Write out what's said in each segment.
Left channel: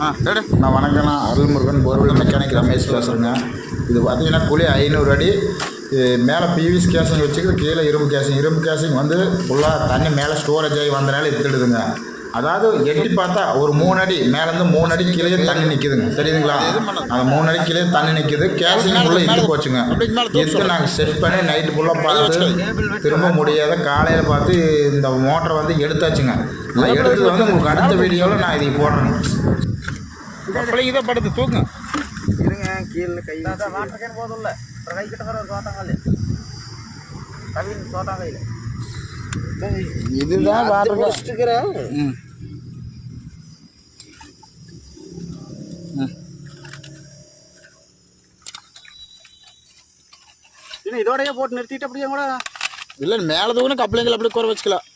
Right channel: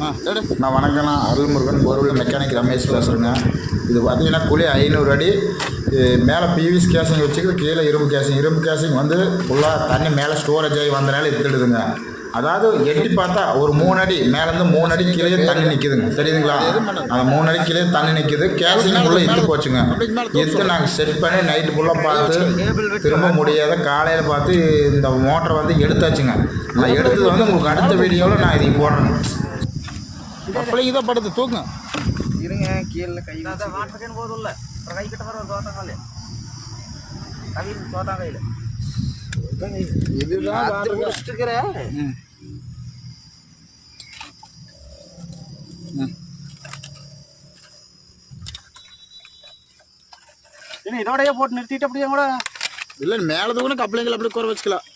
நான் வணக்கம். நான் அருள்முருகன் போர்வெல் மெக்கானிக் ரமேஷ் பேசுகிறேங்க. இது பார்த்தீங்கன்னா குழி 500 அடி மேலே பிவிசி கேசிங் வச்சுக்கிது, கீழே இரும்பு கேசிங் வந்து ஃபுல்லாக தண்ணி மேலே ஸ்டோரேஜ் ஆகி வந்தனால எடுத்துடுதுங்க. அதாவது எட்டி பார்த்தா ஒரு 3 அடி மேலேருந்து 3 அடி கீழே தண்ணி நிற்கிதுங்க, தெரியுதுங்களா? அந்த 3 அடி கீழே தண்ணி நிற்கிது. கேசிங் ஃபுல்லாக இட்டு போச்சுங்க. எடுத்து நாங்கள் செட் பண்ணி நைட்டு ஃபுல்லாக பார்த்து திரும்ப முடியாத காலையில் பார்த்து இந்த மோட்டரை வந்து எடுத்தாச்சுங்க. நான் எடுத்தது வந்து உங்களுக்கு அடுத்த வீடியோவில் நான் இதை போடுறேங்க. அப்படிங்க இதை படுத்து தூக்குங்க. இருங்க, கீழே கை வாட்டர் போதும் கை கிட்ட வர ஒரு தோட்டங்கால் கவின் தோட்டங்கையில் இதுதான் வாட்டர் வச்சுக்கிறேன். இன்னும் இதோடய போட்டு நிறுத்திட்டு அப்படியே கூட இல்லை மேலே தூக்குனா கப்பலைங்களை அப்படி குறை வச்சுக்கலாம்.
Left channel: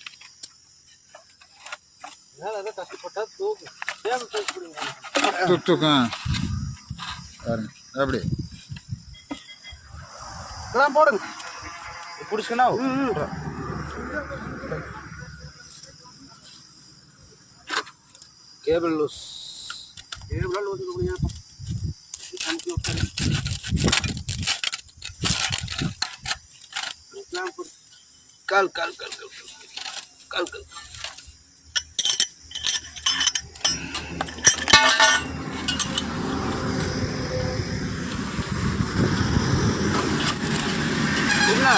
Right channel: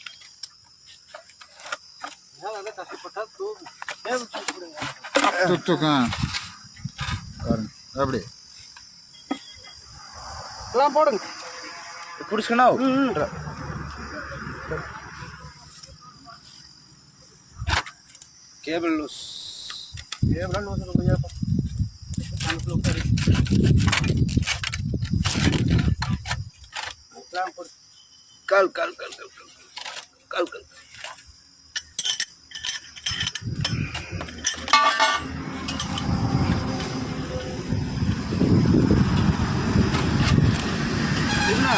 கஷ்டப்பட்டா தூக்கு தூக்கு பாருங்க அப்படி இதெல்லாம் போடுங்க. பிடிச்சிக்கணும். கேபிள் லூஸ் கால் கால் கால் கால் கால் கால் என்ன